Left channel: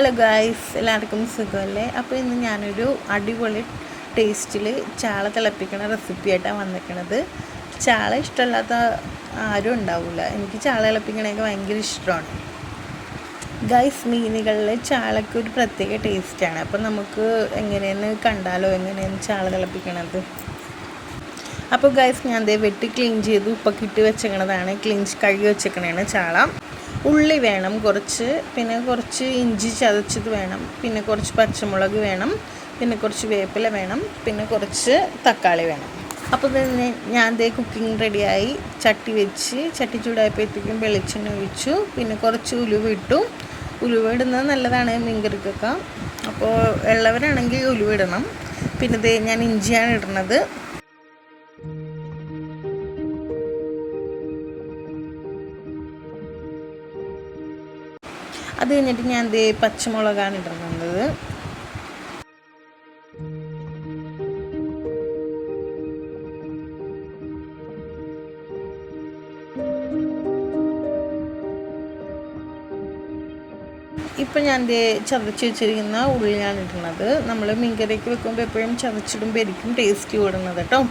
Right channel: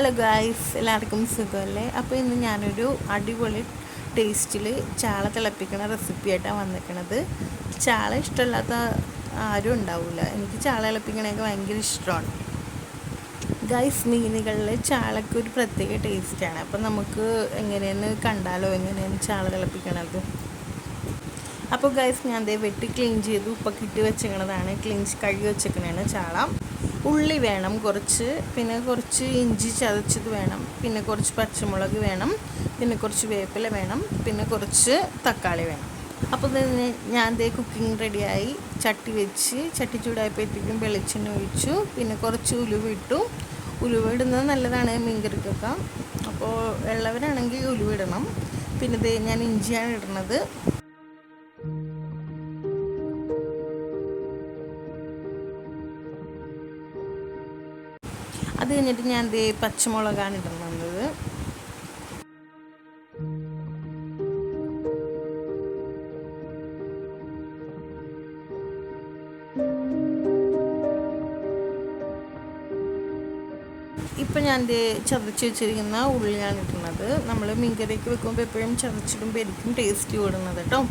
Hello guys, എല്ലാവർക്കും സുഖമല്ലേ? അപ്പോൾ ഇന്ന് ഞാനൊരു അടിപൊളി ടേസ്റ്റിൽ ചാള തിളപ്പിക്കണ റെസിപ്പിയായിട്ടാണ് വന്നിരിക്കണത്. ചാള ഇഷ്ടമല്ലാത്ത ആരും ഉണ്ടാവില്ല. എനിക്ക് ചാള തിളപ്പിക്കണതൊക്കെ ഭയങ്കര ഇഷ്ടമാണ്. ഗായ്സ്, മീനുകളിൽ ചാളയ്ക്ക് ഒരു പ്രത്യേക ടേസ്റ്റാണ്. അപ്പോൾ നമുക്ക് എങ്ങനെയെന്ന് കണ്ടാലോ, എങ്ങനെയാണ് ചാള തിളപ്പിക്കണത്. അപ്പോൾ ഗായ്സ്, ഞാൻ വെട്ടി ക്ലീൻ ചെയ്ത് ഉപ്പൊക്കെ ഇട്ട് വെച്ചേക്കണതാണ്, കഴുകി വെച്ചേക്കണതാണ് ചാള. ഉള്ളി വേണം കുറച്ച്, പിന്നെ കുറച്ച് ഇഞ്ചി ചതച്ചത് വേണം, പിന്നെ കുറച്ച് പച്ചമുളക് വേണം, പിന്നെ കുറച്ച് വേപ്പില വേണം, പിന്നെ കുറച്ച് തക്കാളി വേണം. അപ്പോൾ തന്നെ ഞാൻ കുക്കിംഗ് റെഡിയായി. ചട്ടി ചൂടായപ്പോഴത്തേക്കും വെളിച്ചെണ്ണ ഒഴിച്ചു, പിന്നെ കുറച്ച് ഉലുവ ഇട്ടു. ഉലുവ ഇടുന്നത് നല്ലതാണ് മീൻകറിക്കൊക്കെ. അപ്പോൾ ഉള്ളവരാണെങ്കിൽ ഉലുവ ഇടണം. പിന്നെ ഞാൻ ഇഞ്ചിയാണ് ഇടുന്നത്. അത് കഴിഞ്ഞിട്ട് ഞാൻ പച്ചമുളകാണ് ഇടുന്നത്. ഇപ്പം ഞാൻ ചതച്ച് വെച്ചിരിക്കുന്ന ഉള്ളിയാണ് ഇടുന്നത്. നമ്മൾ മീൻകറിക്ക് വെക്കുമ്പോൾ എപ്പോഴും ചതച്ചിടുമ്പോൾ ആയിരിക്കും ടേസ്റ്റ് കൂടുന്നത് കേട്ടോ.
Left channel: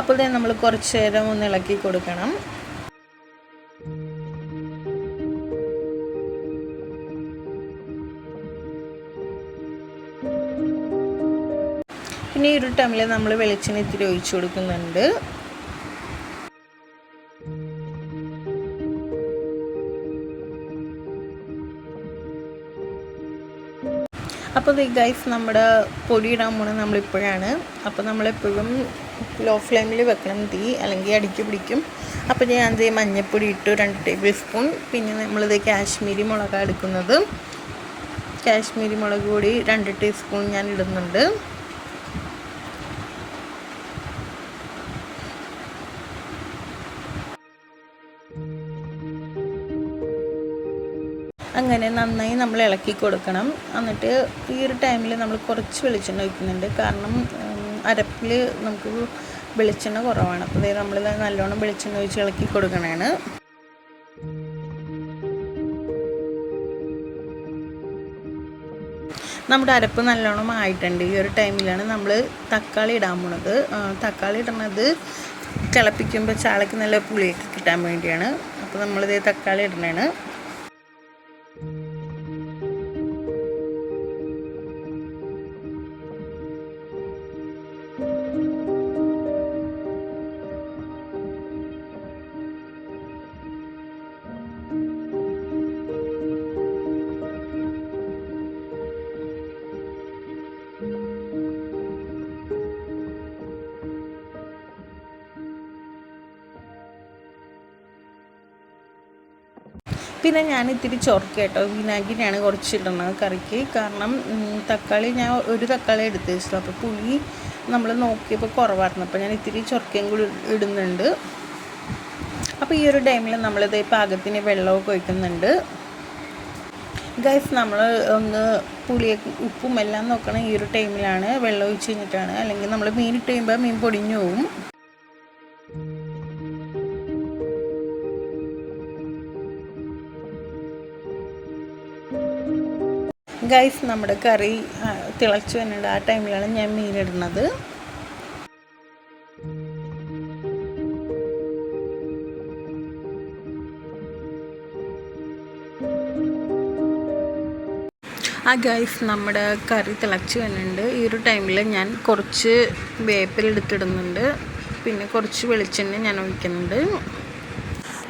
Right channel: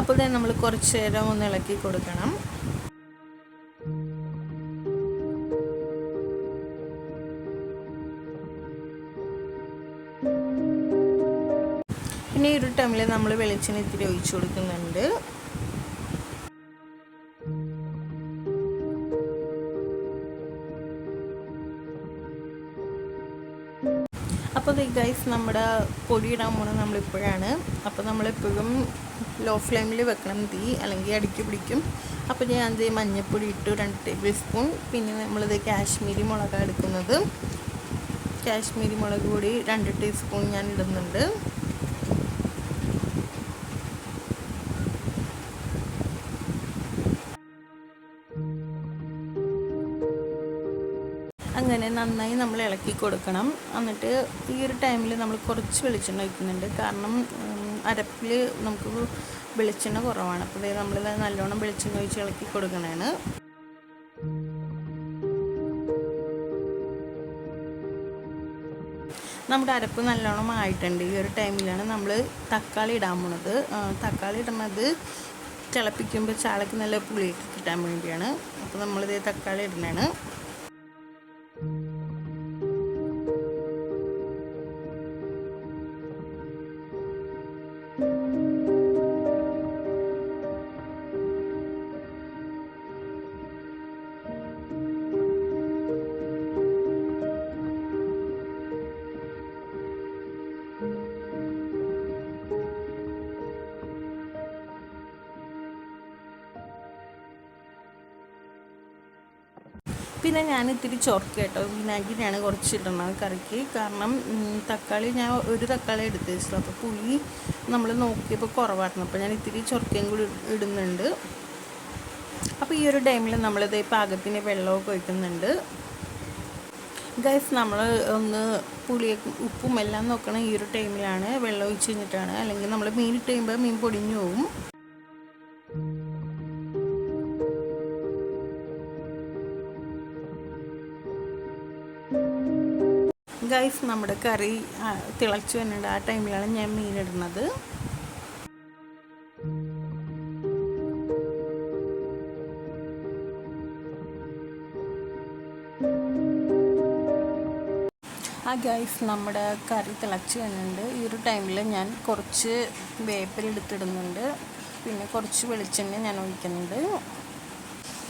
അപ്പോൾ തന്നെ നമ്മൾ കുറച്ച് നേരം ഒന്ന് ഇളക്കി കൊടുക്കണം. പിന്നെ ഈ ഒരു ടൈമിൽ നമ്മൾ വെളിച്ചെണ്ണ ഇത്തിരി ഒഴിച്ചു കൊടുക്കുന്നുണ്ട്. അപ്പോൾ ഗൈസ്, നമ്മുടെ പൊടി ഇടാൻ പോണത് നമ്മളിപ്പോഴാണ്. അപ്പോൾ നമ്മളെപ്പോഴും ലോ ഫ്ലെയിമിൽ വെക്കണം തീ, അല്ലെങ്കിൽ അടിക്ക് പിടിക്കും. അപ്പോൾ ഞാൻ മഞ്ഞൾപ്പൊടി ഇട്ടു 2 ടേബിൾ സ്പൂൺ. പിന്നെ നമ്മളിത് കാശ്മീരി മുളകാണ് എടുക്കുന്നത്. കാശ്മീരി മുളക് പൊടി 2 ടീസ്പൂൺ ഞാൻ ഇടുന്നുണ്ട്. അങ്ങനെ നന്നായി നമ്മൾ ഇളക്കി കൊടുക്കണം. എന്നിട്ട് ഈ ഒരു ടൈമിൽ നമ്മൾ കുറച്ച് വെളിച്ചെണ്ണ ഒഴിക്കുന്നുണ്ട്. കാരണം അരപ്പിൽ നമുക്ക് വെളിച്ചെണ്ണ കുറവാണ്. അപ്പോൾ നമ്മൾ നല്ലോണം വെളിച്ചെണ്ണ ഒഴിച്ച് ഇളക്കി കൊടുക്കണതാണ്. നമ്മുടെ അരപ്പ് നല്ലോണം ആയിട്ടുണ്ട്. ഈ ഒരു ടൈമിലാണ് നമ്മൾ തക്കാളി ഇടാൻ പോണത്. തക്കാളി ഇടുന്നത് തിളപ്പിക്കുമ്പോൾ ചാളയ്ക്ക് നല്ല പുളിയൊക്കെ കിട്ടാൻ വേണ്ടിയാണ്. അപ്പോൾ നമ്മളിത് തക്കാളി ഇടണതാണ്. പിന്നെ ഞാൻ ഇത്തിരി ചൊറുക്ക കേട്ടോ, വിനാഗിരിയാണ് കുറച്ച് ഇടുന്നത് കറിക്ക്. കാരണം തക്കാളി ഞാൻ ഒരു തക്കാളി എടുത്ത് വെച്ചിട്ടുള്ളൂ. അപ്പോൾ പുളി നമ്മൾ നോക്കിയപ്പോൾ കുറവായിരുന്നു. അപ്പോൾ ഞാൻ ഇത്തിരി ചൊറുക്കയും കൂടി ഇടുന്നുണ്ട്. അപ്പോൾ ഈ ഒരു ടൈമിൽ നമ്മളിത് പാകത്തിന് വെള്ളമൊക്കെ ഒഴിക്കുന്നുണ്ട്. ഗൈസ്, നമ്മൾ ഒന്ന് പുളിയൊക്കെ ഉപ്പും എല്ലാം നോക്കണം. ഈ ഒരു ടൈമിലാണ് വെള്ളം ഒഴിച്ച് കഴിഞ്ഞിട്ടാണ്, അല്ലെങ്കിൽ നമ്മൾ മീൻ ഇട്ട് കഴിയുമ്പോൾ മീൻ പൊടിഞ്ഞു പോകും. ഗൈസ്, നമ്മുടെ കറി തിളച്ച് വരുന്നുണ്ട്. ആ ടൈമിലാണ് ഞാൻ മീനിടുന്നത്. ഗൈസ്, നമ്മുടെ കറി തിളച്ച് വരുന്നുണ്ട്. ഈ ഒരു ടൈമിൽ ഞാൻ കുറച്ച് വേപ്പില എടുത്തിടുന്നുണ്ട്. പിന്നെ കുറച്ച് വെളിച്ചെണ്ണ ഞാൻ ഒഴിക്കുന്നുണ്ട്.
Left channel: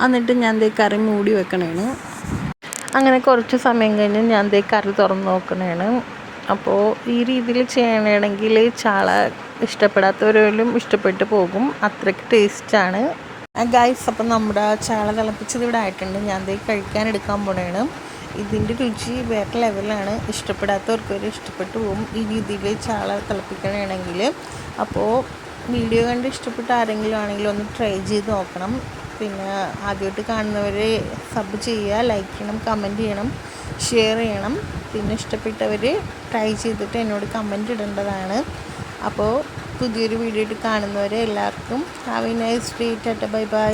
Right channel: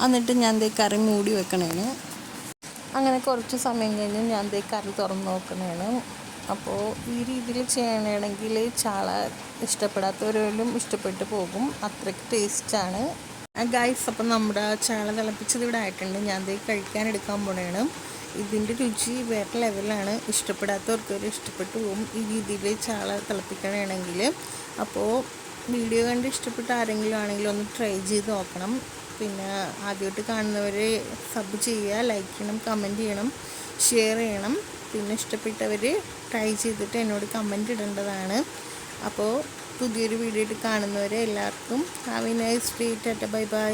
എന്നിട്ട് ഞാൻ കറി മൂടി വെക്കണേന്. അങ്ങനെ കുറച്ച് സമയം കഴിഞ്ഞ് ഞാൻ കറി തുറന്ന് നോക്കണേണ്. അപ്പോൾ ഈ രീതിയിൽ ചെയ്യണമെങ്കിൽ ചാള ഇഷ്ടപ്പെടാത്തവരെല്ലാം ഇഷ്ടപ്പെട്ടു പോകും. അത്രയ്ക്ക് ടേസ്റ്റാണ് ഗൈസ്. അപ്പം നമ്മുടെ ചാള തിളപ്പിച്ചത് ഇവിടെ ആയിട്ടുണ്ട്. ഞാൻ കഴിക്കാനെടുക്കാൻ പോണേണ്. ഇതിൻ്റെ രുചി വേറെ ലെവലാണ്. ഇഷ്ടപ്പെടാത്തവർക്ക് വരെ ഇഷ്ടപ്പെട്ടു പോകും ഈ രീതിയിൽ ചാള തിളപ്പിക്കണമെങ്കിൽ. അപ്പോൾ വീഡിയോ കണ്ട് ഇഷ്ടപ്പെട്ട ആരെങ്കിലും ആണെങ്കിലും ഒന്ന് ട്രൈ ചെയ്ത് നോക്കണം. പിന്നെ ആദ്യമായിട്ട് കാണുന്നവർ സബ് ചെയ്യുക, ലൈക്ക് ചെയ്യണം, കമൻറ്റ് ചെയ്യണം, ഷെയർ ചെയ്യണം. പിന്നെ ഇഷ്ടപ്പെട്ടവർ ട്രൈ ചെയ്തിട്ട് എന്നോട് കമൻറ്റ് ഇടേണ്ടതാണ്. അപ്പോൾ പുതിയൊരു വീഡിയോ ആയിട്ട് കാണുന്നവരെ എല്ലാവർക്കും have A nice day. Tata bye bye.